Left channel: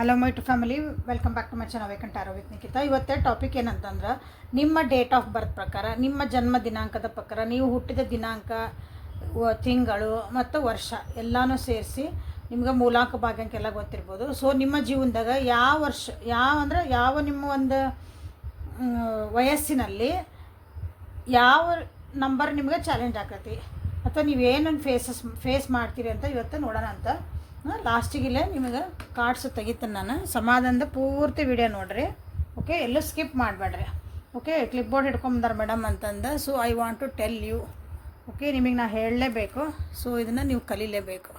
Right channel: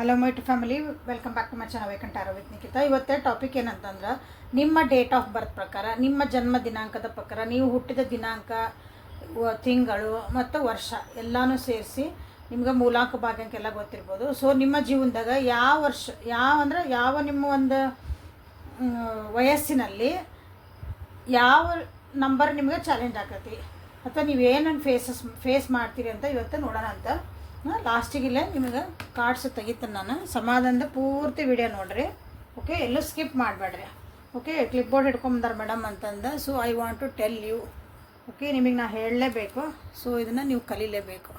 Hello my to family, welcome back to my channel ವೈಕಂಠ ಆರೋ with Nikhita. ಇವತ್ತೇ topic ಏನಂತಂದ್ರೆ, ನಿಮ್ಮ ಡೇಟ್ ಆಫ್ ಬರ್ತ್ ಪ್ರಕಾರ, ನಿಮ್ಮ ಜನ್ಮ ದಿನಾಂಕದ ಪ್ರಕಾರ, ನೀವು ಹುಟ್ಟಿದ ದಿನಾಂಕ, ತಿಂಗಳು ಮತ್ತು ವರ್ಷ ಎಲ್ಲನೂ ಸೇರಿಸಿ ನಿಮ್ಗೆ ಮೂಲಾಂಕ ಭಾಗ್ಯಕ್ಕೆಲ್ಲ ಗೊತ್ತಿರ್ಬೋದು. ಸೊ ನಿಮ್ಮ ಜೀವನದಾಗ ಯಾವ ವರ್ಷ, ಯಾವ ನಿಮ್ಮ ಒಂದು ವಯಸ್ಸಿನಲ್ಲಿ ಯಾವ ನಂಬರ್ ನಿಮಗೆ ಚಾಲೆಂಜ್ ಆಕತಿ ಅಥವಾ ನೀವು ಏನೇನು ಫೇಸ್ ಮಾಡ್ತೀರಿ ಅಂತ ಇವತ್ತು ನೋಡೋಣ ಅಂತ. ಲಾಸ್ಟಿಗಿಲ್ಲೇ ನಿಮಗೆ ಕಾರ್ಡ್ಸ್ ತೆಗಿತೀನಿ ನಾನು. ಸಮಾಧಾನದ ಪೂರ್ತಿ ವಿಡಿಯೋ ನೋಡ್ರಿ, ಓಕೆ? ಎಲ್ಲೂ ಸ್ಕಿಪ್ ಮಾಡಬೇಡ್ರಿ, ಓಕೆ? ಕ್ಲಿಪ್ ಬೋರ್ಡ್ ಹಿಡ್ಕೊಂಬಂದಾರ ಮೇಡಮ್ ಅಂತಂದು. So I want to tell you, okay? ನಿಮಗೆ ನಾ ಹೇಳಲೇಬೇಕು. ಸೊ ಇದನ್ನು ನೀವು ಕಲೀಲೇಬೇಕು.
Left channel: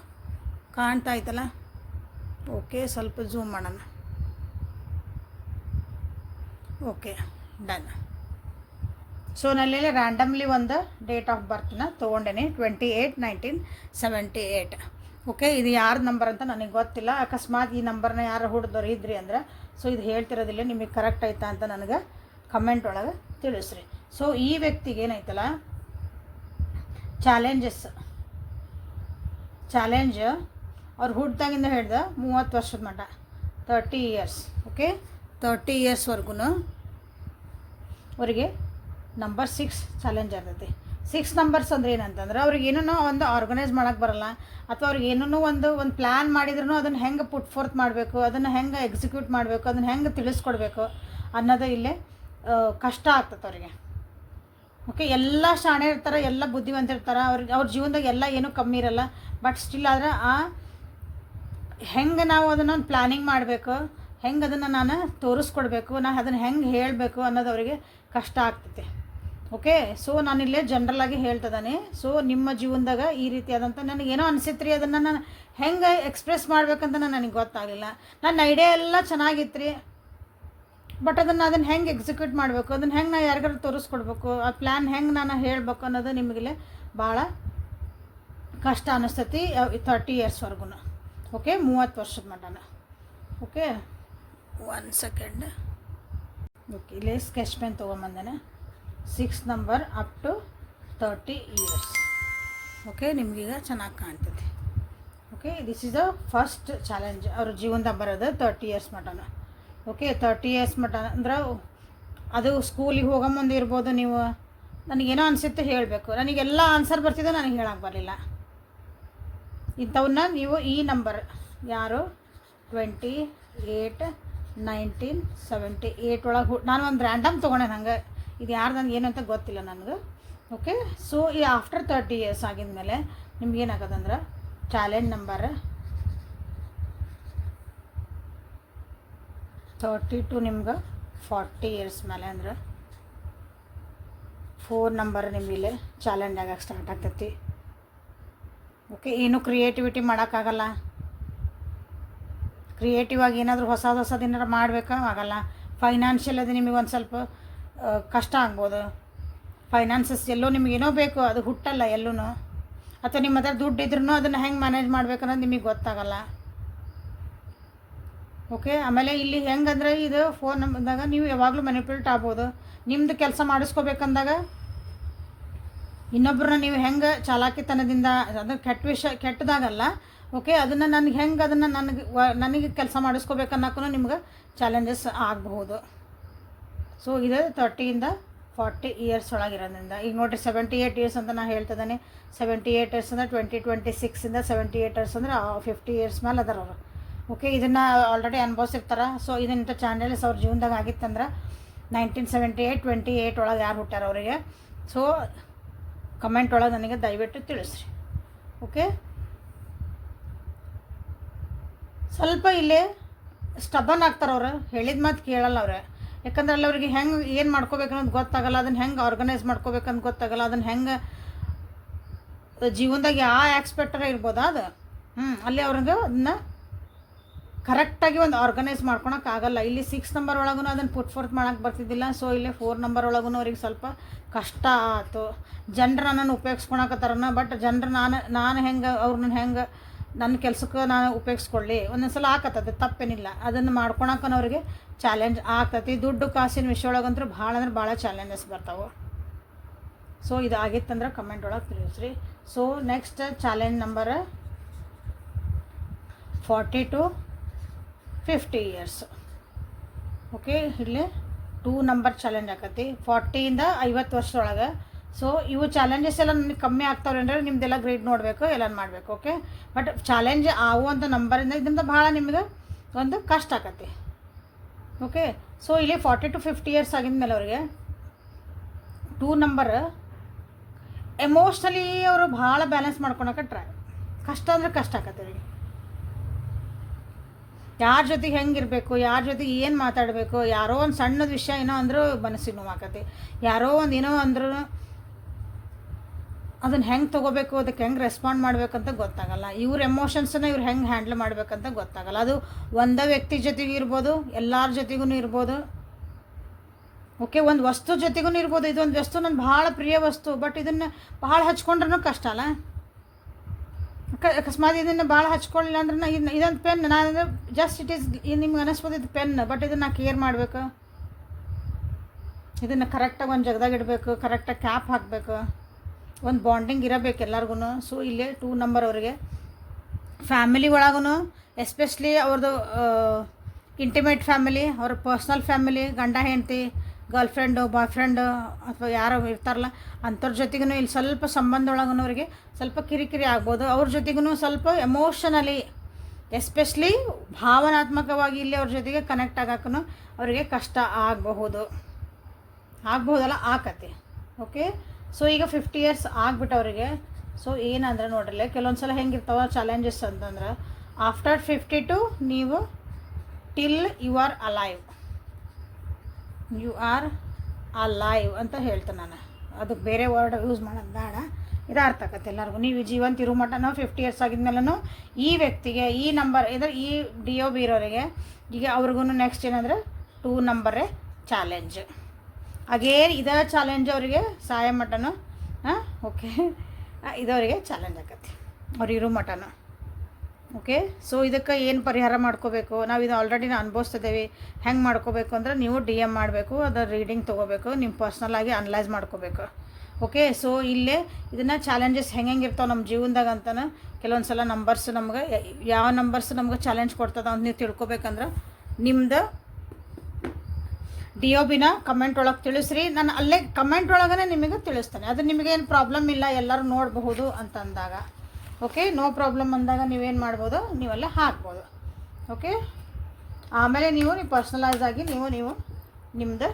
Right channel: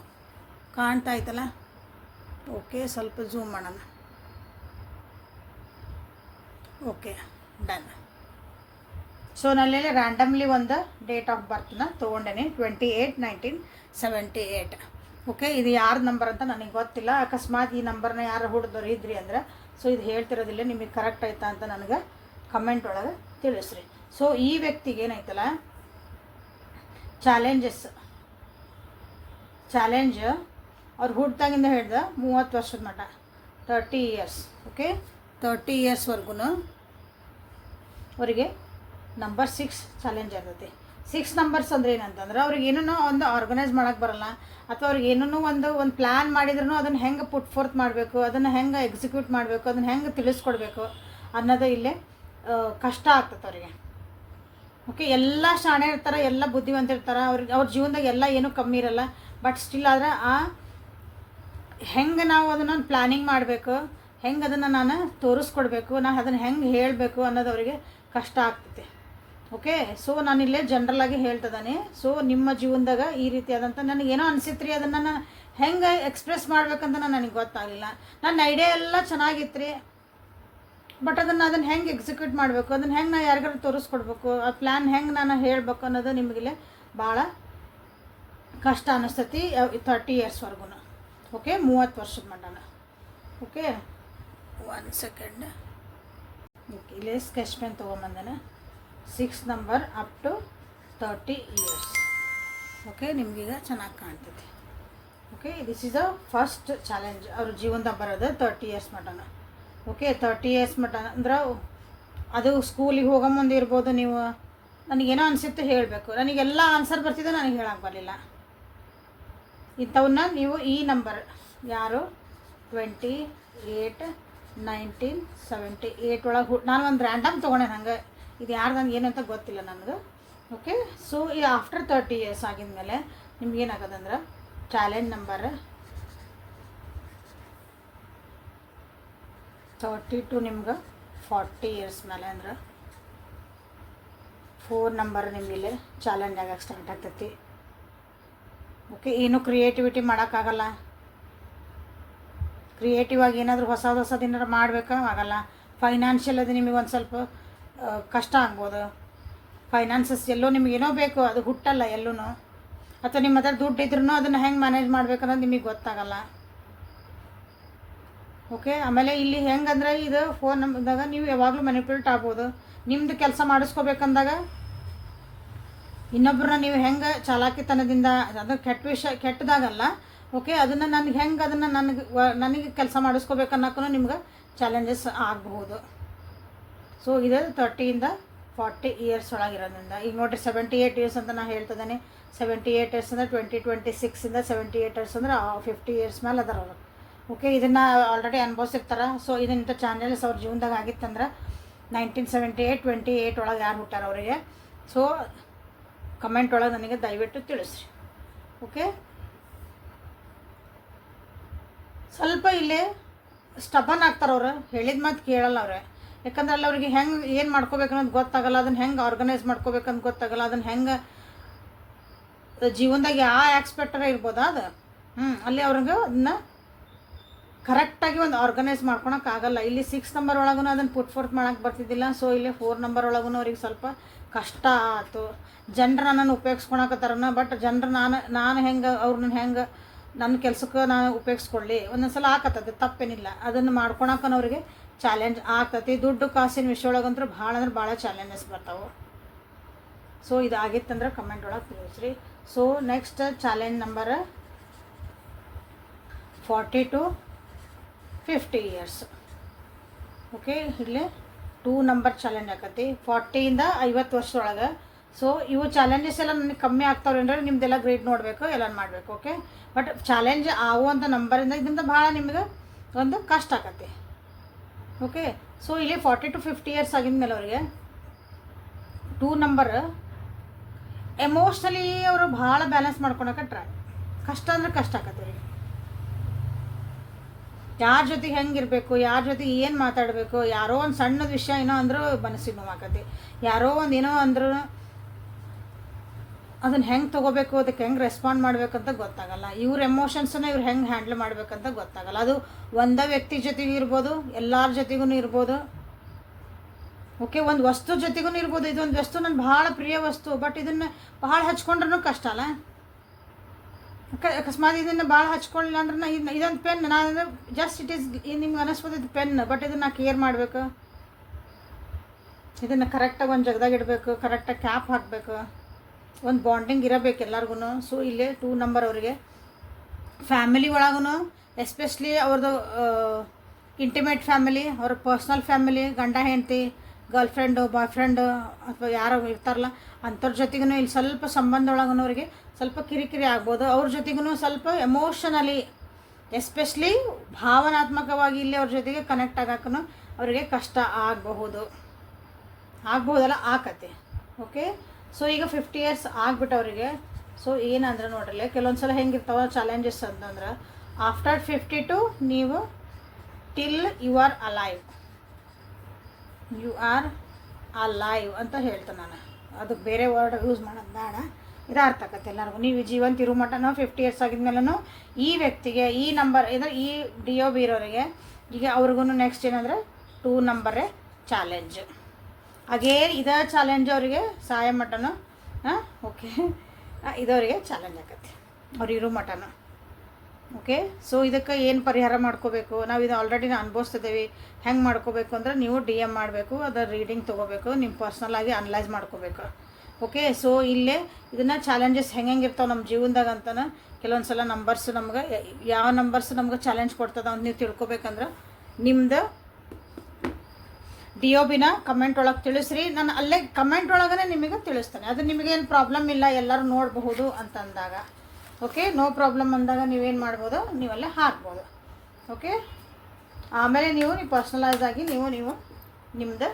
ಕಾಣ್ತಾ ಆಯ್ತಲ್ಲ? ಓಕೆ, ಸ್ವಲ್ಪ ಝೂಮ್ ಮಾಡೋಣ. Okay, done. ಸೊ ನಲ್ಲೆಲ್ಲ ರ್ಯಾಂಡಮ್ಲಿ ಒಂದು ಡೇಟ್ ಆಫ್ ಬರ್ತನ್ನ ತೊಗೊಂಡೇನಿ, 28/1978. ಓಕೆ, ಇದು ಯಾರ ನಂಬರ್ ಅಂತ ನನಗೆ ಗೊತ್ತಿಲ್ಲ. ಅಕಸ್ಮಾತ್ ಈ ನಂಬರ್ನ ಯಾರು ಹುಡ್ದವ್ರು ಇದ್ರಿ ಅಂದ್ರೆ, ಸೊ ಇದು ಹೇಳ್ತಿರೋದಿಲ್ಲ, ನಿಮಗೆ ಕರೆಕ್ಟ್ ಆಯ್ತಾ ಅಂತ ನನಗೆ ಕಮೆಂಟ್ ಒಳಗೆ ತಿಳಿಸ್ರಿ. ಸೊ ಈ ವ್ಯಕ್ತಿಗೆ ಏನಾಯ್ತಲ್ಲ, ಚಾಲೆಂಜ್ ಅವ್ರು ಹುಡ್ದಾಗಿಂದ ಹಿಡ್ದು 30 ವರ್ಷದ ಮಟ್ಟ, 30 ಇಯರ್ಸ್. ಓಕೆ, 30 ಇಯರ್ಸ್ವರೆಗೂ ಅವರಿಗೆ ನಂಬರ್ 6 ಚಾಲೆಂಜ್ ಆಗ್ತೈತಿ. 6 ನಂಬರ್ಸ್ ಅಂದ್ರೆ ಏನಂತಂದ್ರೆ, ಅವ್ರಿಗೆ ಏನೋ ಒಂದು ಆರ್ಗನೈಸ್ ಮಾಡೋಕ್ಕೆ ಬರಲ್ಲ, ಅಥವಾ ಅವ್ರಿಗೆ ಏನೋ ಒಂದು ಪ್ಲ್ಯಾನ್ ಮಾಡಿದ್ರೂ ಅದನ್ನು ಹೆಂಗೆ ಪುಟ್ ಫೋರ್ತ್ ಮಾಡಬೇಕು, ಅದನ್ನು ಹೆಂಗೆ ಎಕ್ಸಿಕ್ಯೂಟ್ ಮಾಡಬೇಕು, ಅದನ್ನು ಹೆಂಗೆ ತಿಳಿಸ್ಕೊಡ್ಬೇಕು ಅನ್ನೋದು ಇಲ್ಲೇ ಕಷ್ಟ ಆಗ್ತದೆ ಅವರಿಗೆ. ಓಕೆ, ಎಲ್ಲ ಶಾಣೆ ಇರ್ತಾರೆ, ಎಲ್ಲ ಬುದ್ಧಿವಂತ ಇರ್ತಾರೆ, ಅವ್ರ ಜೀವನದಾಗ ಎಲ್ಲ ಏನೂ ಕಮ್ಮಿ ಇರಲ್ಲ. ಬಟ್ ಸ್ಟಿಲ್ ಆದರೆ ಹೆಂಗೆ ನಾವು ಅದನ್ನು ಪ್ಲ್ಯಾನಿಂಗ್ ಮಾಡಬೇಕು, ಹೆಂಗೆ ಅದನ್ನು ನಾನು ತೋರಿಸ್ಕೊಡ್ಬೇಕು, ನಾನು ಅದನ್ನು ಹೆಂಗೆ ಹೇಳಬೇಕು ಅನ್ನೋದು ಅವರಿಗೆ ಕಷ್ಟ ಆಗ್ತೈತೆ. ಓಕೆ, ಸೊ ನಾನಿಲ್ಲೇ ಜನ್ರಲಾಗಿ ಹೇಳ್ತಿದ್ದಾನೆ. ಸೊ ನಿಮ್ಮ ಜೀವನದಾಗ ಈ ರೀತಿಯಾದಂಥ ನನಗೇನೋ ಅನಿಸಿತ್ತು ರೀ, ಅದನ್ನು ನಾನು ಹೆಂಗೆ ಎಕ್ಸ್ಪ್ರೆಸ್ ಮಾಡ್ಬೇಕಂತ ನನಗೆ ಗೊತ್ತಾಗಲಿಲ್ಲ. ನನ್ನ ಐಡಿಯಾ ಎಲ್ಲ ಚೆನ್ನಾಗಿತ್ತು ರೀ, ಬಟ್ ಅದನ್ನು ಹೆಂಗೆ ಎಕ್ಸಿಕ್ಯೂಟ್ ಮಾಡಬೇಕು, ಅದನ್ನು ಹೆಂಗೆ ನಾನು ಯಾರಿಗಾರು ತೋರಿಸ್ಕೊಡ್ಬೇಕು, ಆ ಪ್ಲ್ಯಾನ್ ಹೆಂಗೆ ನಾನು ಹೇಳಬೇಕು ಅನ್ನೋದು ನಿಮಗಿಲ್ಲೇ ಭಾಳ ಕಷ್ಟ ಅನ್ನಿಸ್ತೈತಿ. 30 ಇಯರ್ಸ್ವರೆಗೂ. ಓಕೆ, 30 ವರ್ಷದ ಮಟ್ಟನ. Okay, 1 second. ಓಕೆ, ಇಲ್ಲೇ ಸ್ಕೆಚ್ ಪೆನ್ ತೊಗೊಂಬಂದೇನೆ. 6 number up to 30 years. Okay, ನಿಮಗೀಗ ಚೆನ್ನಾಗಿ ಕಾಣ್ತದೆ. Okay, this is a first challenge ಅವ್ರ ಜೀವನದಾಗ ಬರೋದು 30 ಇಯರ್ಸ್ ಮಟನ. ಓಕೆ, 30 ಇಯರ್ಸ್ ಮಟ ಅಂದ್ರೆ ಅದು ಸ್ಕೂಲಿಗೆ ಹೋಗೋ ಮುಂದೆ ಇರ್ಬೋದು. ನೀವು ನನಗೇನೋ ಅನಿಸುತ್ತೆ ಹೇಳಬೇಕು, ನನಗೆಲ್ಲ ಆನ್ಸರ್ ಬರ್ತಿದ್ದೆ, ನನಗೆ ಹೇಳಕ್ಕೆ ಬರಲಿಲ್ಲ. ಇಂಥವನ್ನ ನೀವು ಈ ನಂಬರ್ ಯಾರು 28/1978 ಒಳಗೆ ನಾನು ಒಂದು ರ್ಯಾಂಡಮ್ ತೊಗೊಂಡೆ. ನಂಗೆ ಇದು ಯಾರು ನನಗೆ ಏನಂತ ಗೊತ್ತಿಲ್ಲ ನನಗೆ. ಓಕೆ, ಸೊ ಈ ಆಫ್ಟರ್ 30 ಇಯರ್ಸ್ ಆಗಿದ್ಮೇಲೆ ನಿಮ್ಗೆ ಏನಾಗೋದಂದ್ರೆ, ಚಾಲೆಂಜ್ ನಂಬರ್ 30 ಟು ನಿಮ್ಗೆ 40 ಇಯರ್ಸ್ ಮೇಲೆ ಅಂದ್ರೆ 4 ನಂಬರ್ ನಿಮಗಿಲ್ಲೇ ಚಾಲೆಂಜ್ ಆಗಕ್ಕೆ ಸ್ಟಾರ್ಟ್ ಆಗ್ತೈತಿ. ಓಕೆ, ಏನು ಕ್ರಿಯೇಟಿವಿಟಿ ಮಾಡೋಕ್ಕಾಗಲ್ಲ. ಕ್ರಿಯೇಟಿವ್ ಆಗಿ ಏನಾದರೂ ಹೊಸದು ಏನಾರು ಮಾಡಬೇಕಾ ಆಗಲ್ಲ. ಫೈನಾನ್ಷಿಯಲ್ ಅದು ನಿಮಗೆ ಒಂದು ಸ್ವಲ್ಪ ಕಷ್ಟ ಆಗ್ಬೋದು. ಫೈನಾನ್ಸಸ್ ಎಲ್ಲೋ ನಿಮಗೇನೋ ಬೇಕು, ಅದು ಹುಟ್ಟಲ್ಲ ಎಲ್ಲೂ. ಅಥವಾ ನಿಮ್ಮ ಹತ್ರ ದುಡ್ಡು ಇದ್ರೂ ಅದನ್ನು ಹೆಂಗೆ ಮ್ಯಾನೇಜ್ ಮಾಡ್ಬೇಕನ್ನೋದು ನಿಮಗೆ ಗೊತ್ತಾಗಲ್ಲ. ಓಕೆ, ಆಮೇಲೆ ಇಲ್ಲಿ ಹೆಂಗಂದ್ರೆ, ಇದು ಫೋನ್ ನಂಬರ್ದಾಗ ನೀವು ಯಾವಾಗಲೂ ಮ್ಯಾನಿಪ್ಯುಲೇಟ್ ಆಗ್ಬೋದು. ನಿಮ್ಮದು ಕೆಲಸ ಮಾಡಿಸ್ಕೋಬೇಕಂದಾಗ ಇನ್ನೊಬ್ಬರನ್ನ ನೀವು ಹೆಂಗೆ ಚಾಲಾಕಿತನದಿಂದ, ಅದು ಕೆಟ್ಟದಾಗಲ್ಲ. ಓಕೆ, ಅದನ್ನು ನನಗೆ ಹೆಂಗೆ ಅದನ್ನು ನನಗೆ ಕೆಲಸ ಮಾಡಿಸ್ಕೋಬೇಕನ್ನೋಕ್ಕೂ ನಿಮ್ಗೆ ಚಾಲೆಂಜಸ್ ಆಗಬಹುದು. ಸೊ ಇದು 30ಇಂದ 40 ಇಯರ್ಸ್ ಒಳಗಿರೋದ್ರಿಂದ. ಈಗ ನೋಡಿರಿ, 78 ಇಯರ್ಸ್ ಅಂತ ನಾನು ಹೇಳ್ತಿದ್ದೇನೆ. 78 ಇಯರ್ಸ್ ಅಂದರೆ 2026ಇಂದ 78 ಇಯರ್ಸ್ ಅಂದರೆ 50 ಇಯರ್ಸ್ ಮೇಲೆ ಅದಾರ ಅವರು. ಓಕೆ, ಇದನ್ನು ಆಲ್ರೆಡಿ ಅನುಭವಿಸಿರ್ತಾರೆ. ಸೊ ಇದನ್ನ ಚಾಲೆಂಜಸ್ ಅವ್ರ ಜೀವನದಾಗ ಆಗಿತ್ತಂದ್ರೆ 1978, 28 ಒಳಗೆ ಯಾರು ಹುಟ್ಟಾರ ಅವರಿಗೆ. ಸೊ ಕಮೆಂಟ್ ಒಳಗೆ ನನಗೆ ದಯವಿಟ್ಟು ತಿಳಿಸ್ರಿ. ಓಕೆ, ಸ್ವಲ್ಪ ಇಲ್ಲೇ ಸ್ಟಬನ್ ಆಗ್ತಾರೆ ಅವರು, ಹೇಳಿದ ಮಾತು ಕೇಳಲ್ಲ ಅವ್ರೆ. ಯಾಕಂದ್ರೆ ಅಲ್ಲಿ ಅವ್ರಿಗೆ ಹೆಂಗೆ ಏನು ಮಾಡ್ಕೋಬೇಕನ್ನೋದು ಗೊತ್ತಾಗಲ್ಲ, ಅದನ್ನು ಹೆಂಗೆ ಆರ್ಗನೈಸ್ ಮಾಡ್ಕೋಬೇಕಂತ ಗೊತ್ತಾಗಲ್ಲ, ಅದನ್ನು ಹೆಂಗೆ ಜೀವನದಾಗ ಯಾವ ಆಕ್ಸ್ಪೆಕ್ಟರ ಇರ್ಬೋದಾ ಅದು. ಅಲ್ಲಿ ಅವ್ರಿಗೆ ಅದನ್ನ ಕರೆಕ್ಟಾಗಿ ಒಂದು ಆರ್ಗನೈಸ್ ಮಾಡ್ಕೊಳಕ್ಕಾಗಲ್ಲ. ಇಲ್ಲಿ 6 ನಂಬರ್ ಒಳಗೂ ಅದನ್ನು ಪುಟ್ ಫೋರ್ತ್ ಮಾಡೋಕ್ಕೆ ಬರ್ತಿದ್ದಿಲ್ಲ. ಸೊ ಇಲ್ಲಿ 4 ನಂಬರ್ ಒಳಗೂ ಅವ್ರಿಗೆ ಸ್ವಲ್ಪ ಕಷ್ಟ ಆಯ್ತು. ಜನರು ನನ್ನನ್ನು ಉಪಯೋಗಿಸ್ಕೊಳಕತ್ತಾರನ, ಬಟ್ ಜನರು ನಾನು ಹೆಂಗೆ ಅವ್ರನ್ನ ಹೆಂಗೆ ನನ್ನ ಕೆಲಸಕ್ಕೆ ನಾನು ಉಪಯೋಗಿಸ್ಕೊಳ್ಳಿ, ಒಂದೊಂದು ಸಲ ಆಕತ್ತದ, ತಪ್ಪೇನಿಲ್ಲ. ಅದನ್ನು ಮಾಡ್ಕೊಳಕ್ಕನವ್ರಿಗೆ ಚಾಲೆಂಜ್ ಆಗ್ತತಿ. ದುಡ್ಡು ಕಾಸಿನ ವಿಷಯ ಒಳಗಂತೂ ಭಾಳ ಅಂದ್ರೆ ಭಾಳ ಚಾಲೆಂಜಸ್ ಬರ್ತಾವೆ. ಸೊ ಇದು ಆಗಿತ್ತಂದ್ರೆ ಕಮೆಂಟ್ ಒಳಗೆ ತಿಳಿಸ್ರಿ. So next challenge number 40 to 50 years. Okay, ಇಲ್ಲಿ 2 ನಂಬರ್ ಚಾಲೆಂಜ್ ಆಕತಿ 40ಇಂದ 50 ವರ್ಷದೊಳಗೆ. ಸೊ ಇವು ಚಾಲೆಂಜಸ್ ಎಲ್ಲ ನನಗೆ ಕಮ್ಮಿ ಆಗ್ತಾವ್ರೆ ಅಂದರೆ ನಿಮ್ದೆಲ್ಲ ಗ್ರೇಡ್ ನೋಡಬೇಕು, ಎಲ್ಲ ಮಾಡಬೇಕು. ಓಕೆ, ಬಟ್ ಚಾಲೆಂಜ್ ಆಗುವಂಥ ನಂಬರಿಂದ ಇದರಿಂದ ಭಾಳ ನಿಮ್ಗೆ ಒಂದು ಕಷ್ಟ ಆಕತಿ. ಓಕೆ, ಸೊ ಇಲ್ಲಿ 40 to 50 ಇಯರ್ಸ್ ಆಗಿದ್ಮೇಲೆ ಅವರಿಗೆ 2 ನಂಬರ್ ಎಮೋಷ್ನಲಿ ಅವರು ಭಾಳ ಬ್ಯಾಲೆನ್ಸ್ ಮಾಡ್ಕೊಳಕ್ಕೆ ಕಷ್ಟ ಅಂದರೆ ಕಷ್ಟ ಆಕತಿ ಅವರಿಗೆ. ಯಾರ ಜೊತೆಗೆ ಹೆಂಗಿರಬೇಕು, ಯಾರ ಜೊತೆಗೆ ಏನು ಮಾತಾಡಬೇಕು, ಯಾರೋ ಒಂದು ಸಣ್ಣದ ವಿಷಯ ಏನೋ ಅಂದರೂ ಮನಸ್ಸಿಗೆ ನೋವಾಕತಿ, ಯಾರೋ ಒಂದು ಏನೋ ಅಂದ್ರೂ ಅದನ್ನು ಹೆಂಗೆ ತೊಗೋಬೇಕು, ಅದಕ್ಕೆ ಹೆಂಗೆ ರೆಸ್ಪಾಂಡ್ ಮಾಡ್ಬೇಕಂತ ಗೊತ್ತಾಗಲ್ಲ. ಇವ್ರ ಎಮೋಷನ್ಸನ್ನ ಇವ್ರು ಹೆಂಗೆ ಹ್ಯಾಂಡಲ್ ಮಾಡ್ಬೇಕಂತ ಗೊತ್ತಾಗಲ್ಲ. ಅದು ಒಂದೇ ವ್ಯಕ್ತಿ ಜೊತೆಗೂ ಇರ್ಬೋದು, ಎಲ್ಲರ ಜೊತೆಗೂ ಇರ್ಬೋದು. ಓಕೆ, ಒಂದು ವಸ್ತು ಜೊತೆಗೂ ಇರ್ಬೋದು. ಇದೊಂದು ವಸ್ತು ನನ್ನ ಭಾಳ ಪ್ರಿಯ ವಸ್ತು, ಬಟ್ ಇದನ್ನು ಭಾಳ ಹಚ್ಕೊಂಡ್ರೂ ಕಷ್ಟ ಅಲ್ಲ. ಅಕಸ್ಮಾತ್ ಇದನ್ನು ಭಾಳ ಹಚ್ಕೊಳ್ಳಿಲ್ಲ ಅಂದ್ರೆ ಇದೊಂದು ಪೆನ್, ನಾನು ಜಸ್ಟ್ ಇಟ್ ಈಸ್ ನಿಮ್ಗೆ ಅನಿಸ್ಬೋದು ಇದು ಪೆನ್, ಬಟ್ ಇದನ್ನು ನಾ ಕೇರ್ ಮಾಡಬೇಕು, ಇದನ್ನು ಕರೆಕ್ಟಾಗಿ ಒಂದು ಜಗದಾಗ ಇಡಬೇಕು, ಕರೆಕ್ಟಾಗಿ ಕ್ಯಾಪ್ ಹಾಕಬೇಕು, ಒಂದು ಬಾಂಡಿಂಗ್ ಇರಬೇಕು ಎಲ್ಲರಿಗೂ. ಸೊ ಇಲ್ಲೇ 2 ನಂಬರ್ ಅವರಿಗೆ ಫ್ಯಾಮಿಲಿ ಒಳಗೂ ಎಸ್ಪೆಷಲಿ ಅವ್ರದ್ದು ಇಂಟಿಮೇಟ್ ಫ್ಯಾಮಿಲಿ, ಅವ್ರ ಪರ್ಸ್ನಲ್ ಫ್ಯಾಮಿಲಿ, ಗಂಡ ಹೆಂಡತಿ, ಗರ್ಲ್ ಫ್ರೆಂಡು, ಬಾಯ್ ಫ್ರೆಂಡು ಅಥವಾ ಯಾರೋ ಇರ್ತಾರಲ್ಲ ಅಂಥವ್ರ ಜೊತೆಗೂ ಇಲ್ಲಿ ಸ್ವಲ್ಪ ಸಂಬಂಧ ಒಳಗೂ ಅವರಿಗೆ ಸ್ವಲ್ಪ ಕಿರಿಕಿರಿ ಆಗ್ಬೋದು. ಅವ್ರ ಜೊತೆಗೂ ಸ್ವಲ್ಪ ಎಮೋಷನಲಿ ಎಸ್ಪೆಷಲಿ ಭಾವನಾತ್ಮಕವಾಗಿ ಇಲ್ಲಿ ಅವ್ರ ಜೊತೆಗೆ ಕನೆಕ್ಟ್ ಆಗೋಕ್ಕೂ ಅವರಿಗೆ ಕಷ್ಟ ಆಗ್ಬಹುದಲ್ಲ ಆಕತೆ. ಓಕೆ, ಸೊ ಈಗ 50 ಇಯರ್ಸ್ ಆಗ್ಬಿಟ್ಟು ಅವರಿಗೆ. ಸೊ ಏನಂದ್ರೆ ನೋಡ್ರಲ್ಲ, ಕೆಲವೊಂದು ಸಲ ಹೆಂಗಿರ್ತಾವ ಚಾಲೆಂಜಸ್ ಅಂತಂದ್ರೆ ಆಫ್ಟರ್ 52 ನೀವು ಟಿಲ್ ಯು ಆರ್ ಅಲೈವ್ ಅಂತ ಹೇಳ್ತೇನೆ ನಾನು. ಅದು ಬೇರೆ ವರ್ಡ್ ಯೂಸ್ ಮಾಡೋದು ಬೇಡ, ಇದು ಅರ್ಥ ಆಗತ್ತೆ ಎಲ್ಲರಿಗೂ. ನೀವು ಜೀವಂತ ಇರೋ ಮಟ್ಟನೂ 50 ಇಯರ್ಸ್ ಆಗಿದ್ಮೇಲೂ ಈ ವ್ಯಕ್ತಿಗೆ ಈ ನಂಬರ್ ಅಂದರೆ ಈ DOB ಇರೋರಿಗೆ ಈಗ ಅವ್ರಿಗೂ ನೆಕ್ಸ್ಟ್ ಏನಂದರೆ 2 ನಂಬರೇ ಚಾಲೆಂಜ್. ಅಗೇನ್ ಇದೇ ಚಾಲೆಂಜ್ ಅವರಿಗೆ ಸಾಯ ಮಟನು. ಓಕೆ, ಇದವರಿಗೆ ಚಾಲೆಂಜ್ ಆಕತಿ ಅವ್ರು ಇರೋ ಮಟನು. ಓಕೆ, ಸೊ ಇದಕ್ಕೆ ಏನು ಪರಿಹಾರ ಮಾಡ್ಕೋಬೇಕು, ನಾವು ಇದು ಆಲ್ರೆಡಿ ಅನುಭವಿಸ್ತಿದ್ದೇವೆ. ಹೆಂಗೆ ಮಾಡ್ಕೋಬೇಕು ಅಂದ್ರೆ ನೀವು DM ಮಾಡಬೇಕು, ಅದರ ರೀಡಿಂಗ್ ತೊಗೋಬೇಕು, ನಿಮ್ಮ ಪರ್ಸ್ನಲಾಗಿ ಅನಲೈಸ್ ಮಾಡ್ಕೋಬೇಕು. ಓಕೆ, ಸೊ ಇಲ್ಲೇ ಇದನ್ನು ಚಾಲೆಂಜಸ್ ಹೆಂಗೆ ಇರ್ತಾವೆ ನಮ್ಮ ಜೀವನದಾಗ ಅಂತಾನೆ ಕೆಲವೊಂದು ಸಲ ನಂಬರ್ಸ್ ನಮ್ಗೆ ಯಾವ ನಂಬರ್ಸ್ ನಮ್ಗೆ ಚಾಲೆಂಜ್ ಕೊಡ್ತದ ಅಂತ ನೀವು ತಿಳ್ಕೊಬೇಕಂದ್ರೆ ನಿಮ್ಮದು DOBನ ಕಮೆಂಟ್ ಒಳಗೆ ತಿಳಿಸ್ರಿ. ನಾನು ಅಲ್ಲೇ ಕಮೆಂಟ್ ಒಳಗೇ ನಿಮಗೆ ತಿಳಿಸ್ತೇನೆ. ಅದು ನಿಮಗೇನು ಪ್ರಾಬ್ಲಮ್ ಇಲ್ಲ, ಎಲ್ಲರೂ ನೋಡಬಹುದು ಅಂತ ಅಂದಾಗ. ಓಕೆ, ನೋ ಪ್ರಾಬ್ಲಮ್ ಅಂದಾಗ ನೀವೇನು ಮಾಡ್ಬೋದು, ನೀವಲ್ಲೇ ಹಾಕ್ಬೋದು. ಓಕೆ, ಆಮೇಲೆ ನೀವು ಪರ್ಸ್ನಲೈಸ್ ಆಗಿ ನೀವು ನಿಮ್ಮದು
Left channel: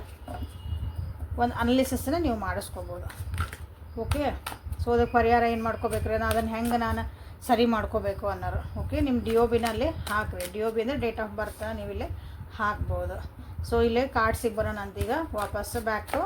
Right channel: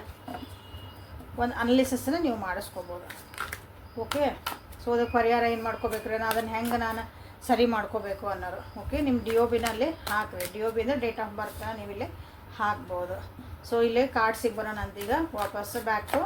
ಒಂದು ಅನಾಲಿಸಿಸನ್ನು ನೀವು ಮಾಡಿಸ್ಕೋಬೋದು. ಓಕೆ, ಸೊ ಅದಕ್ಕೆ ಪರಿಹಾರ ಏನು ಮಾಡ್ಕೋಬೇಕ್ರಿ, ಅದನ್ನು ಹೆಂಗೆ ನಾನು ಸರಿ ಮಾಡ್ಕೋಬೇಕು ಅನ್ನೋರು. ಓಕೆ, ನಿಮ್ಮ DOBನಲ್ಲಿ ಹಾಕ್ರಿ. DOB ಅಂದರೆ ಡೇಟ್ ಆಫ್ ಬರ್ತ್ ನೀವಿಲ್ಲಿ ಹಾಕ್ಬೋದು. ಸೊ ಇಲ್ಲೇ ಕಾರ್ಡ್ಸಿಗೆ ಬರೋಣ ಅಂತೀಗ ವಾಪಸ್ಸು ಬ್ಯಾಕ್ ಟು.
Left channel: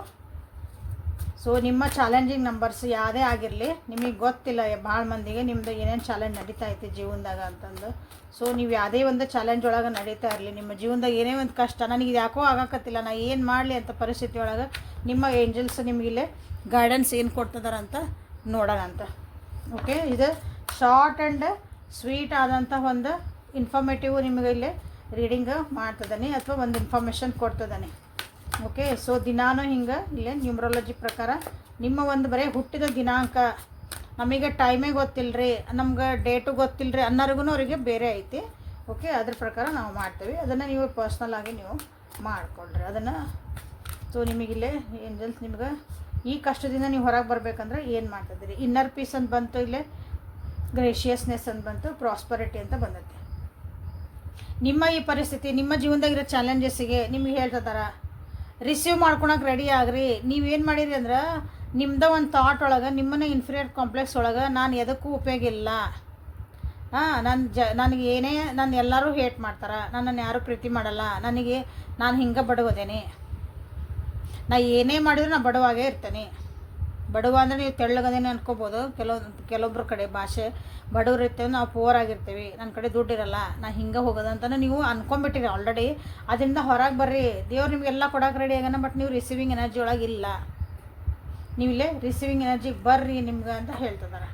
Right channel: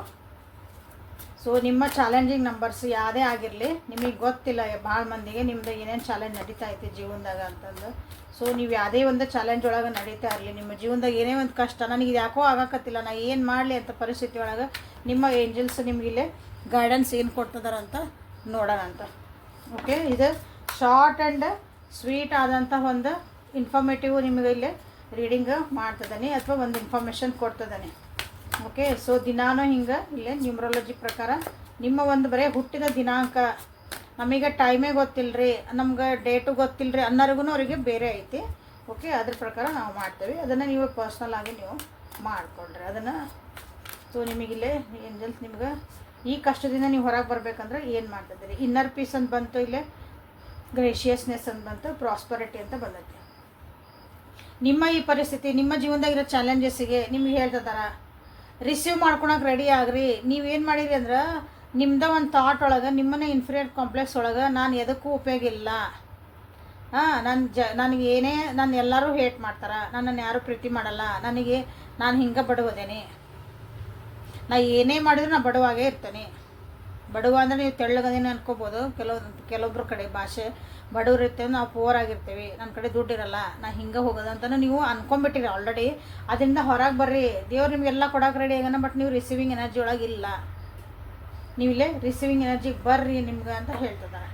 ಸೊ ನಿಮ್ಮ ಚಾಲೆಂಜಿಂಗ್ ನಂಬರ್ಸ್ ಯಾವುದೇ ಆಗಿರಲಿ, ನಿಮಗೆ ಗೊತ್ತಿಲ್ಲ ಭಾಳ ಮಂದಿಗೆ ನಿಮ್ಮದು ಏನೇನು ಚಾಲೆಂಜ್ ನಡೀತಾ ಐತಿ ಜೀವನದಾಗ ಅಂತಂದು. ಸೊ ನೀವು ಯಾವುದೇ ಒಂದು ಚಾಲೆಂಜ್ ಒಳಗೆ ನಡೀತಾ ಇರಲಿ, ನಿಮ್ಮ ಜೀವನದಾಗ ಏನೇ ಒಂದು ಕಷ್ಟ ನನಗೆ ಯಾಕೋ ಆಗಕತ್ತಿಲ್ಲ, ನಾ ಏನು ಮಾಡಲಿ ಅಂತ ಪರಿಸ್ಥಿತಿ ಒಳಗೆ ನಿಮ್ಮ ಏಂಜಲ್ಸ್ ನಿಮಗಿಲ್ಲೇ ಗೈಡೆನ್ಸ್ ಏನು ಕೊಡ್ತಿದಾರೆ ಅಂತ ನೋಡೋಣ ಅಂತ. ಓಕೆ, ಇದು ಶಾರ್ಟ್ ಆ್ಯಂಡ್ ಸ್ವೀಟ್ ಆದಂಥ ಒಂದು ಇನ್ಫಾರ್ಮೇಟಿವ್ ನಿಮಗೆ ಇಲ್ಲೇ ರೀಡಿಂಗ್ ಮಾಡ್ತಿದ್ದಾನೆ ಅಥವಾ ಒಂದು ಇನ್ಫಾರ್ಮೇಷನ್ ಕೊಡ್ತಿದ್ದಾನೆ. ಓಕೆ, ಸೊ ದಿನಾನು ಹಿಂಗೆ ಇಲ್ಲೇ ನ್ಯೂಮರಾಲಜಿ ಪ್ರಕಾರ ನಿಮ್ಮ ಒಂದು ಬರೀ ಹುಟ್ಟಿದ ದಿನಾಂಕ, ನಮಗೆ ಟೈಮೇ ಗೊತ್ತಿಲ್ಲರಿ, ನಮ್ಗೆ ಡೇಟು ಗೊತ್ತಿಲ್ಲರಿ ಅನ್ನೋರಿಗೂ ಅವರಿಗೆ ಬೇರೆ ಐತಿ. ಓಕೆ, ಅದ್ರ ಪ್ರಕಾರ ನಾವು ಮಾಡ್ತೇವೆ. ಅದನ್ನು ನೀವು ಪರ್ಸ್ನಲ್ ಆಗಿ ನೀವು ಮಾಡಿಕೊಡ್ರಿ ಅದನ್ನು. ಸೊ ನಿಮಗಿಲ್ಲೇ ಏಂಜಲ್ಸ್ ನಿಮ್ಗೆ ಈ ಕಷ್ಟದಿಂದ ನೀವು ಹೊರಗೆ ಬರಬೇಕಂದ್ರೆ ಏನು ಮಾಡ್ತಿದ್ದೀರಿ, ಇನ್ನರ್ ಪೀಸ್ ಅಂತ ಬಂತು, ಇಲ್ಲೇ ಗ್ರೇಷಿಯಸ್ನೆಸ್ ಅಂತ ಬಂತು, ಪ್ರಾಸ್ಪರಿಟಿ ಅಂತ ಬಂದೈತಿ. ನಿಮ್ಮ ಈ ಪರಿಸ್ಥಿತಿ ನಿಮ್ಮ ಜೀವನದಾಗಿರೋ ಚಾಲೆಂಜಸ್ಸಿಗೆ ನಿಮ್ಗೆ ಹೇಳ್ತಿದಾರ ರಿಸೀವ್ ಮಾಡ್ಕೊಳಕ್ಕೆ ರೆಡಿ ಆಗ್ರಿ. ನೀವೇನು ಮಾಡಿರಿ ಅಂದ್ರೆ ನಿಮ್ಮದ ಒಂದು ಥಾಟ್ ಒಳಗೆ ನಿಮ್ಮನ್ನ ಇನ್ಫೀರಿಯರ್ ಕಾಂಪ್ಲೆಕ್ಸ್ ಒಳಗೆ ನಾನು ಎದಕ್ಕೂ ಉಪಯೋಗ ಇಲ್ಲ, ನನಗೆ ಏನೇ ನಾನು ಎಲ್ಲರೂ ಹೇಟ್ ಮಾಡ್ತಾರೆ, ನನ್ನನ್ನು ಯಾರೂ ಪ್ರೀತಿ ಮಾಡಲ್ಲ, ನಾನು ಹಿಂಗೆ ಬಡವದೇನೆ, ನಾ ಏನೇ ಮಾಡಿದ್ರು ನಾ ಬಡವಾಗೇ ಇರ್ತೇನೆ. ಬಡವ ಅಂದರೆ ನೀವು ತೆಳ್ಳಗದೇನೆ ಅನ್ಕೋಬೋದು. ಕೆಲವೊಬ್ಬರ ಕಡೆ ಭಾಷೆ ಬಡವ್ರು ಇರ್ತೇವೆ, ನಾವು ಪೂವರ್ ಆಗಿರ್ತೀವಿ, ನನ್ನ ಕಡೆ ದುಡ್ಡಿರಲ್ಲ, ನಾ ಹಿಂಗೆ ಹೋಗೋದು ಅಂತಲೇ ನೀವು ಅನ್ಕೊಂಬಿಟ್ಟಿರಿ ಆಲ್ರೆಡಿ. ಅದರಿಂದ ಹೊರಗೆ ಬರ್ರಿ, ದೇವ್ರು ನಿಮಗೆಲ್ಲ ಕೊಡೋಕೆ ರೆಡಿ ಆಗೋಣ. ಬಟ್ ನೀವು ರಿಸೀವಿಂಗ್ ಎನರ್ಜಿ ಒಳಗೆ ಇಲ್ಲ, ನೀವಿಲ್ಲೇ ರಿಸೀವಿಂಗ್ ಎನರ್ಜಿಗೆ ಬರ್ರಿ ನಿಮ್ಗೆ ಅಂತ ಹೇಳ್ತಿದ್ದಾರೆ.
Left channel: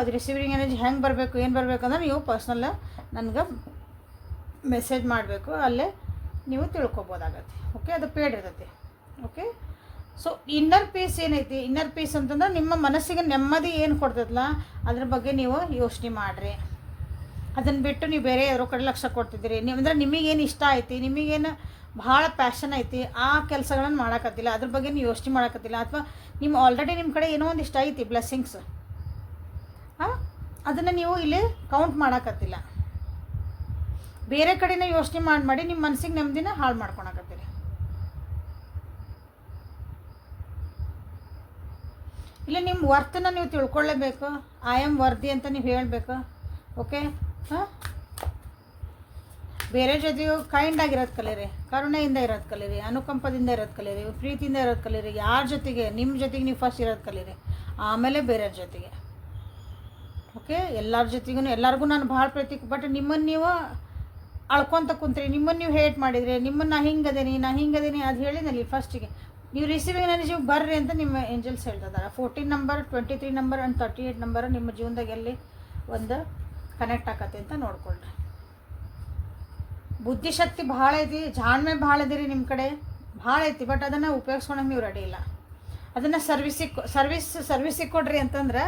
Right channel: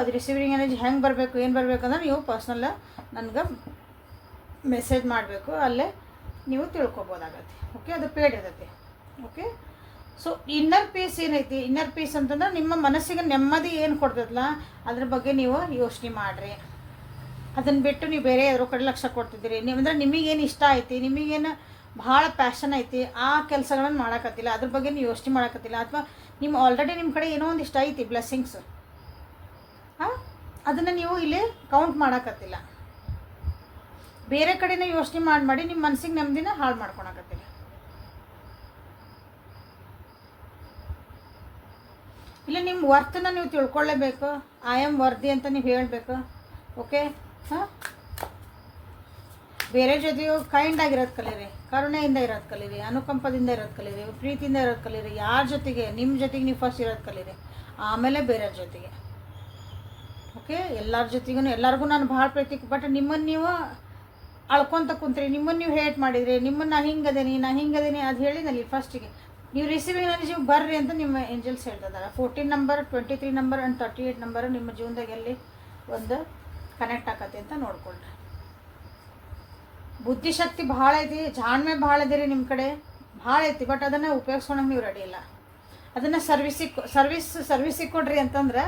ಅದು ರಿಸೀವಿಂಗ್ ಎನರ್ಜಿ ಹೆಂಗೆ ಬರಬೇಕು ಏನು ಬರಬೇಕಂದ್ರೆ ನೀವು ಪರ್ಸ್ನಲ್ ನನಗೆ ಮೆಸೇಜ್ ಮಾಡಬೇಕು, ಅಲ್ಲೇ ನೀವು ತಿಳ್ಕೊಬೋದಾಗತ್ತೆ. ಓಕೆ, ಅದು ಪೇಡ್ ಇರ್ತೈತಿ. ಓಕೆ, ಸೊ ಇನ್ನರ್ ಪೀಸ್ ಏನೈತಿ, ಇನ್ನರ್ ಪೀಸ್ ಅಂತಂದ್ರೆ ನಿಮ್ಮ ಮನಸ್ಸಿಗೆ ನೆಮ್ಮದಿ ಏನು ಕೊಡ್ತದಲ್ಲ ಅದ್ರ ಬಗ್ಗೆ ನೀವು ಯೋಚನೆ ಮಾಡಿರಿ. ಅದನ್ನು ಬಿಟ್ಟು ನೀವು ಬೇರೆ ಯಾರೋ ಕಡೆ ಲಕ್ಷ್ಯ ಕೊಡ್ತಿದ್ದೀರಿ. ನೀವು ಅಂದರೆ ನಿಮಗೇನು ಇಷ್ಟ ಐತಿ, ನಿಮಗೇನು ಭಾಳ ಪ್ಯಾಷನ್ ಐತಿ, ಆ ಕೆಲಸಗಳನ್ನು ಮಾಡೋಕತ್ತಿಲ್ಲ, ಅದ್ರ ಬಗ್ಗೆ ನೀವು ಯೋಚನೆ ಮಾಡೋಕತ್ತಿಲ್ಲ. ಅಥವಾ ನಿಮ್ಮ ಆಲ್ರೆಡಿ ನಿಮ್ಮ ಕಡೆ ಏನೋ ಒಂದು ಇಷ್ಟ ಐತಿ ಬ್ಲೆಸ್ಸಿಂಗ್ಸ್, ಅದನ್ನು ನೀವು ಇಲ್ಲಿ ಕೌಂಟ್ ಮಾಡೋಕತ್ತಿಲ್ಲ. ಬೇರೆ ಕಡೆನೇ ಯೋಚನೆ ಮಾಡಿ ನಿಮ್ಮ ಮನಸ್ಸಿಗೆ ನೆಮ್ಮದಿನ ಹಾಳು ಮಾಡ್ಕೊಳಕತ್ತೀರಿ. ಇಲ್ಲ, ನಿಮ್ಮ ವರ್ತನ ನೀವು ತಿಳ್ಕೊಳ್ಳೇಬೇಕು. ಐ ಆಮ್ ವರ್ದಿ ಅಂತ ನೀವು ಹೇಳಬೇಕು. ಓಕೆ, ಬೇರೆ ಜೊತೆಯು ಕೈಂಡ್ ಆಗಿರೋದು ಕಲೀರಿ, ಕರುಣೆಯಿಂದ ಇರೋದು ಕಲೀರಿ, ಅನುಕಂಪದಿಂದ ಇರೋದು ಕಲೀರಿ, ಪ್ರೀತಿಯಿಂದ ಇರೋದು ಕಲೀರಿ. ಯಾರ ಜೊತೆಗೆ, ನಿಮ್ಮ ಜೊತೆಗೆ ನೀವು ಫಸ್ಟ್ ಇರೋದು ಕಲೀರಿ, ಆಮೇಲೆ ಬೇರೆಯವ್ರ ಜೊತೆಗೆ. ಓಕೆ, ಎಲ್ಲರ ಜೊತೆಗೂ ಎಲ್ಲರಿಗೂ ನಾನು ಭಾಳ ಪ್ರೀತಿ, ಬಟ್ ನಿಮ್ಮನ್ನು ನೀವು ಅಳ್ಕೊತ ಕುಂತ್ರಿ, ನಿಮ್ಮನ್ನು ನೀವು ಹೇಟ್ ಮಾಡಿದ್ರಿ, ನಿಮ್ಮನ್ನು ನಾ ಹಿಂಗದೇನಿ ಅದು ಹೇಳಿದಲ್ಲಿ ಫಸ್ಟಿಗೆ ನೀವು ರಿಸೀವಿಂಗ್ ಎನರ್ಜಿ ಬರ್ರಿ ಅಂತ ನಿಮ್ಮ ಏಂಜಲ್ಸ್ ಹೇಳ್ತಿದ್ದಾರೆ. 14 ನಂಬರ್, 23 ನಂಬರ್ ಆ್ಯಂಡ್ 38 ನಂಬರ್ ನಿಮ್ಮ ಜೀವನದಾಗ ಎಲ್ಲಿ ಒಂದು ಕನೆಕ್ಟ್ ಆಕತಿ ಅಂತ ನೋಡ್ಕೊಳ್ರಿ. ಬುದ್ಧಿಶಕ್ತಿ ಭಾಳ ಐತಿ, ಜಾಣ್ಮೆ ಭಾಳ ಇದೀರಿ ನಿಮ್ಮ ಕಡೆ, ಭಾಳ ಐತಿ. ಬಟ್ ಅದನ್ನು ಉಪಯೋಗಿಸ್ಕೊಳಕ್ಕೆ ನೀವು ರೆಡಿ ಇಲ್ಲ. ಅದನ್ನು ಸರ್ವಿಸಿಗೆ ಕೊಡ್ರಿ ಅಂತಂದ್ರೆ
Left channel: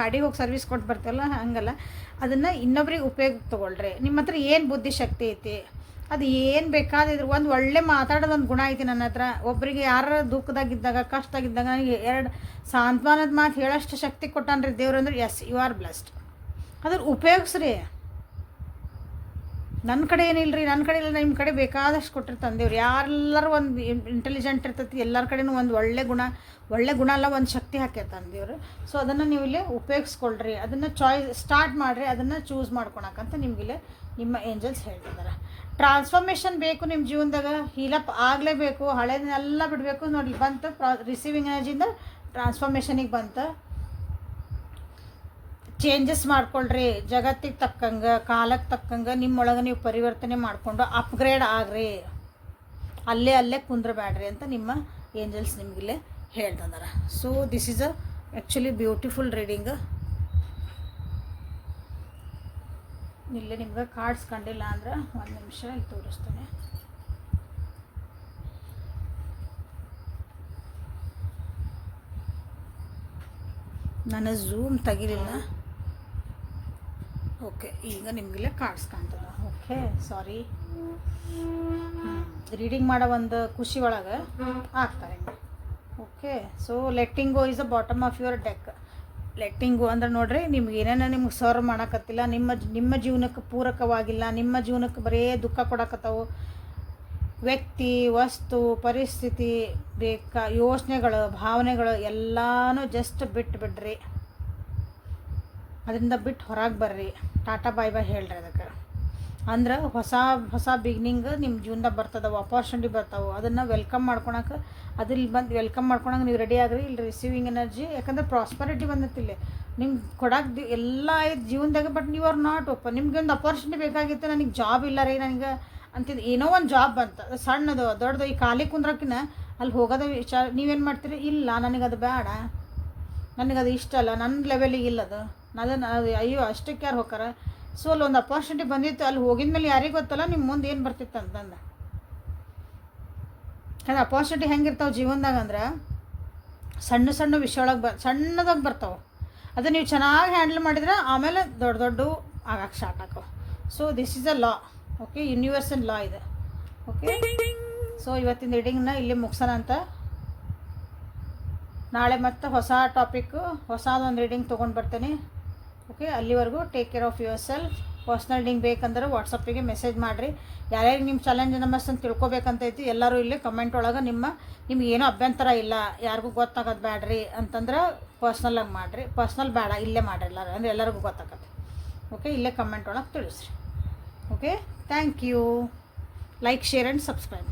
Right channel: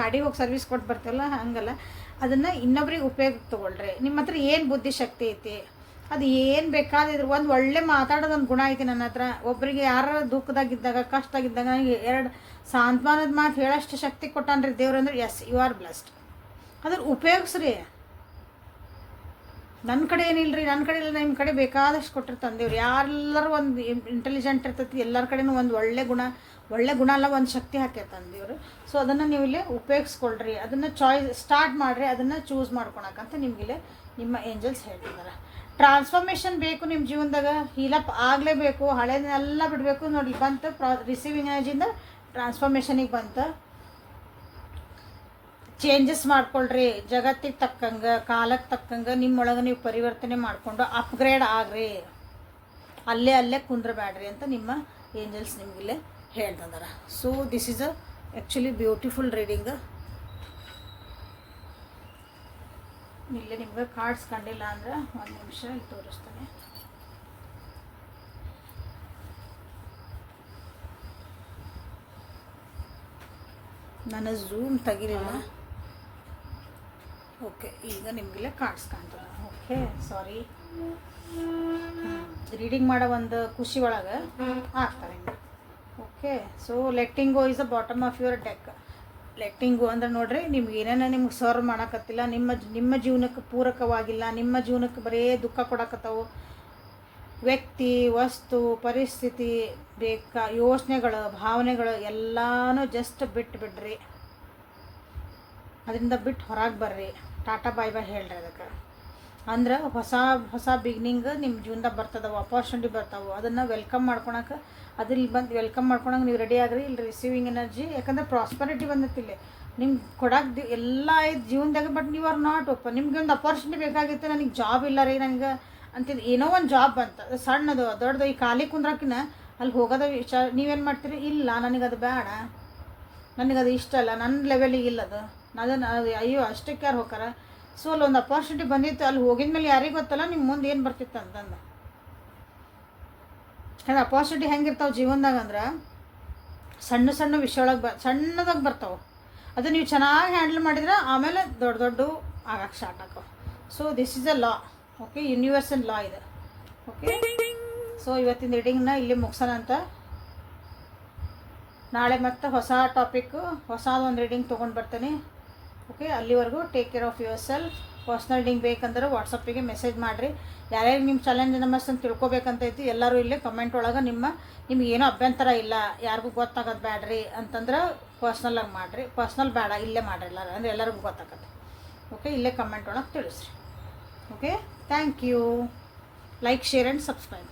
ಗಾಡಿ ಹೋಗಿ ಸರ್ವಿಸ್ ಕೊಟ್ಟು ಬರ್ತೀವಲ್ಲ, ಹಂಗಲ್ಲ. ಅದನ್ನು ಇನ್ನೊಬ್ರಿಗೆ ಉಪಯೋಗ ತೊಗೊಳ್ರಿ. ನಿಮ್ಮ ಹತ್ರ ಏನು ಬುದ್ಧಿಶಕ್ತಿ ಐತಿ, ಅದು ಏನು ಬೇಕಾದಿದ್ರು ಒಂದು ಒಳ್ಳೆ ಮಾತಾಡೋದೊಂದು ಗುಣ ಐತಿ ನನ್ನ ಹತ್ರ. ಒಬ್ಬರಿಗೆ ಯಾರು ದುಃಖದಾಗಿದ್ದಾಗ, ಕಷ್ಟದಾಗಿದ್ದಾಗ ಎರಡು ಸಾಂತ್ವನದ ಮಾತು ಹೇಳೋಷ್ಟು ಶಕ್ತಿ ಕೊಟ್ಟಾನ್ರಿ ದೇವ್ರು ಅಂದ್ರೆ, ಎಸ್, ಯು ಆರ್ ಬ್ಲೆಸ್ಡ್. ಅದ್ರ ಉಪಯೋಗಿಸ್ರಿ. ನನ್ನ ಕಡೆ ಏನಿಲ್ಲ ರೀ, ನನ್ನ ಕಡೆ ಇಲ್ಲ, ನಿಮ್ಮ ಕಡೆ ಬೇಕಾದಷ್ಟು ಕೊಟ್ಟಿರ್ತಾನೆ ದೇವ್ರು. ಯಾರೆಲ್ಲರೂ ಒಂದು ಇಂಟೆಲಿಜೆಂಟ್ ಇರ್ತೈತಿ, ಎಲ್ಲರ ಕಡೆನೂ ಒಂದು ಒಳ್ಳೆ ಗುಣ ಅಲ್ಲ, ಒಂದು ಶಕ್ತಿ ಹಾಕಿರ್ತಾನೆ ದೇವರು. ಸೊ ಅದನ್ನು ನೀವು ಇಲ್ಲಿ ಉಪಯೋಗಿಸ್ಕೊಳ್ರಿ, ಅದನ್ನು ಸ್ಟಾರ್ಟ್ ಮಾಡಿರಿ, ಅದನ್ನು ಚೂಸ್ ಮಾಡ್ಕೊಳಕ್ಕಂತ ನಿಮಗಿಲ್ಲಿ ನಿಮ್ಮ ಏಂಜಲ್ಸ್ ಹೇಳ್ತಿದ್ದಾರೆ. ಟ್ರಾನ್ಸ್ಫಾರ್ಮೇಷನ್ ಬೇಕು ನಿಮ್ಮ ಜೀವನದಾಗ, ಹೀಲಪ್ ಆಗಲೇಬೇಕು, ಹಳೇದನ್ನೆಲ್ಲ ಬಿಡಬೇಕು. ನೋಡಿ ಬಂತು, ರಿಸೀವಿಂಗ್ ಎನರ್ಜಿಯಿಂದ ಟ್ರಾನ್ಸ್ಫಾರ್ಮೇಷನಿಗೆ ಬಂತು. ಚೇಂಜಸ್ ಮಾಡ್ಕೊಳ್ರಿ, ಜಗತ್ತಿಗೆ ತಕ್ಕಂಗೆ, ಕಾಲಕ್ಕೆ ತಕ್ಕಂಗೆ ನಿಮ್ಮೊಳಗೆ ನೀವು ಪರಿವರ್ತನೆ ಮಾಡಿಕೊಂಡು ಅಪ್ಗ್ರೇಡ್ ಆಗ್ರಿ, ಅಲ್ಲೇ ಕುಂದ್ರಬೇಡ್ರಿ ಅಂತ ನಿಮ್ಮ ಏಂಜಲ್ಸ್ ನಿಮಗಿಲ್ಲೇ ಹೇಳ್ತಿದ್ದಾರೆ. So this is actually beautiful reading. ಇಲ್ಲಿ ನಿಮ್ಗೆ ಕಾರ್ಡ್ಸ್ ಕಂಡಿಲ್ಲ ಅಂದ್ರೆ ಒಂದು ನಿಮಿಷ ಇಲ್ಲಿ ತೋರಿಸ್ತೇನೆ. ನಾನು ಝೂಮ್ ತೆಗಿಲಿಲ್ಲ. ಓಕೆ, ಈಗ ನಿಮಗೆಲ್ಲ ಕಾರ್ಡ್ಸ್ ಕಾಣ್ತದೆ. ಓಕೆ, ಸಾರಿ, ರೀಡಿಂಗ್ ಮಾಡೋ ಒಂದು ಖುಷಿ ಒಳಗೆ ಆಗ್ತಾರೆ. Okay, so letting go is the bottom of your deck. Letting go ಅಂದ್ರೆ ನೋಡ್ರಿ, ನಿಮ್ಗೆ ಏನೇನೋ ನಿಮ್ಗೆ ಸರ್ವ್ ಮಾಡೋಕತ್ತಿಲ್ಲ, ನಿಮ್ಮ ಜೀವನಕ್ಕೆ ಪೂರಕವಾಗಿಲ್ಲ, ನಿಮ್ಮ ಜೀವನಕ್ಕೆ ಬರೀ ದುಃಖ ಕೊಡಕತ್ತವು, ವ್ಯಕ್ತಿ, ವಸ್ತು, ಪರಿಸ್ಥಿತಿ, ಯೋಚನೆಗಳು, ಭಾವನೆಗಳು ಎಲ್ಲನೂ ಜಸ್ಟ್ ಬಿಟ್ಬಿಡ್ರಿ. ಅದರಿಂದ ಬಿಟ್ಟು ಹೊರಗೆ ಬರ್ರಿ, ಟಾಟಾ ಬಾಯ್ ಬಾಯ್ ಹೇಳ್ರಿ. ಅದಕ್ಕೆ ಅಂದ್ರೆ ಹೊಸ ಬಿಗಿನಿಂಗ್ ನಿಮ್ಮ ಜೀವನದಾಗ ಬರ್ತದವು, ಅಪಾರ್ಚುನಿಟಿ ಬರ್ತಾವೆ. ಅದನ್ನು ವೆಲ್ಕಮ್ ಮಾಡ್ಕೊಳಕ್ಕೆ, ಅದ್ರಲ್ಲಿ ಬಂದು ವೆಲ್ಕಮ್ ಮಾಡ್ಕೊಳಕ್ಕೆ ನೀವು ರೆಡಿ ಆಗ್ರಿ. ಇಲ್ಲಿ ರಿಸೀವಿಂಗ್ ಎನರ್ಜಿ, ಯಾಕಂದ್ರೆ ಪ್ರಾಸ್ಪರಿಟಿ ಬಂದತ್ತಿಲ್ಲ ನಿಮ್ಗೆ ಕೊಡಕ್ಕೆ ಎಲ್ಲ ಐದು ಜೀವನದಾಗ. ಬಟ್ ನೀವು ಆರ್ ನಾಟ್ ಓಪನ್. ನಿಮ್ಗೆ ಒಂದು ಅಪಾರ್ಚುನಿಟಿ ಬೇಕಾಗಿತ್ತು, ನನಗೆ ಜಾಬ್ ಇಲ್ಲ ರೀ ನನಗೆ ಅಂತಿದ್ದು, ಏನೋ ಒಂದು ಜಾಬ್ ಬಂತು, ಅದು ಸಣ್ಣದು ದೊಡ್ಡದು. ಈ ಖಾಲಿ ಕುಂದ್ರಕ್ಕಿನ ಅಲ್ಲಿ ಹೋಗೋದ ವಿಚಾರ ನೀವೇನು ಮಾಡ್ತೀರಿ, ಇಲ್ಲ ನನಗದು ಬೇಡ, ನನಗದು ಇಷ್ಟ ಅಲ್ಲ, ನನ್ನ ಲೆವೆಲಿಗೆ ಇಲ್ಲದು, ಅದನ್ನು ಅಯ್ಯೋ ಅಷ್ಟಕ್ಕೆ ಯಾರು ಹೋಗಾರ. ಸೊ ಅಲ್ಲಿ ಒಂದು ಅಪಾರ್ಚುನಿಟಿ ಬಂದಿತ್ತು, ಅಲ್ಲಿ ಹೋಗಿದ ಮೇಲೆ ಯಾರಿಗೆ ಗೊತ್ತಲ್ಲ ನಿಮ್ಮ ಮುಂದೆ ಏನು ಬರ್ತಿತ್ತು ಅಂತಂದು. ಯಾಕಂದ್ರೆ ಅಪಾರ್ಚುನಿಟಿ ಹೆಂಗಿರ್ತಾವೆ ಜೀವನದಾಗ ಅಂದ್ರೆ ಸಣ್ಣ ವಿಷಯ ಒಳಗೆ ಸಣ್ಣದಾಗಿ ಬರ್ತಾವೆ. ಅದು ನೀವು ಚೆನ್ನಾಗಿ ಹ್ಯಾಂಡಲ್ ಮಾಡಿದ್ರೆ ಆಮೇಲೆ ದೊಡ್ಡ ಆಗಕ್ಕೆ ಸ್ಟಾರ್ಟ್ ಆಕೋ. So this is a law. Okay, universal law ಇದೆ. ಓಕೆ, ಸೊ ಇವತ್ತಿನ ರೀಡಿಂಗ್ನ ಇಲ್ಲಿ ಮುಗಿಸೋಣ ಅಂತ. ನಾಳೆ ಮತ್ತೆ ಹೊಸ ಟಾಪಿಕ್ಕು, ಹೊಸದೊಂದು ರೀಡಿಂಗ್ ತೊಗೊಂಡು ಬರ್ತೇನೆ. ಓಕೆ, ಅಲ್ಲಿವರೆಗೂ take care of your self. Personal reading ಬೇಕಂದ್ರೆ ವಾಟ್ಸಪ್ಪಿಗೆ ಮೆಸೇಜ್ ಮಾಡಿರಿ. ಯಾರ್ಯಾರು ನಿಮ್ಮ ಚಾಲೆಂಜ್ ನಂಬರ್ಸ್ ಅಂತ ತಿಳ್ಕೊಬೇಕಂತೈತಿ ಎಲ್ಲರೂ ಇಲ್ಲಿ ಕಮೆಂಟ್ ಒಳಗೆ ನಿಮ್ಗೆ ಏನೋ ಅಭ್ಯಂತರ ಇಲ್ಲ, ಯಾರಿಗೂ ಗೊತ್ತಾಗೋದು ಬೇಡ್ರಿ ಅಂತಂದ್ರೆ ಪರ್ಸ್ನಲಾಗಿ ಮಾಡಿರಿ. ಪರ್ಸ್ನಲ್ ಬೇಡ, ಇಲ್ಲೇ ಮಾಡಿರಿ ಎಲ್ಲರೂ, ಅಂದರೆ ಎಲ್ಲರಿಗೂ ಗೊತ್ತಾಗತ್ತೆ. ಓಕೆ, ಇಲ್ಲೇ ಕಮೆಂಟ್ ಒಳಗೆ ತಿಳಿಸ್ರಿ. Okay, thank you. Like, share and subscribe.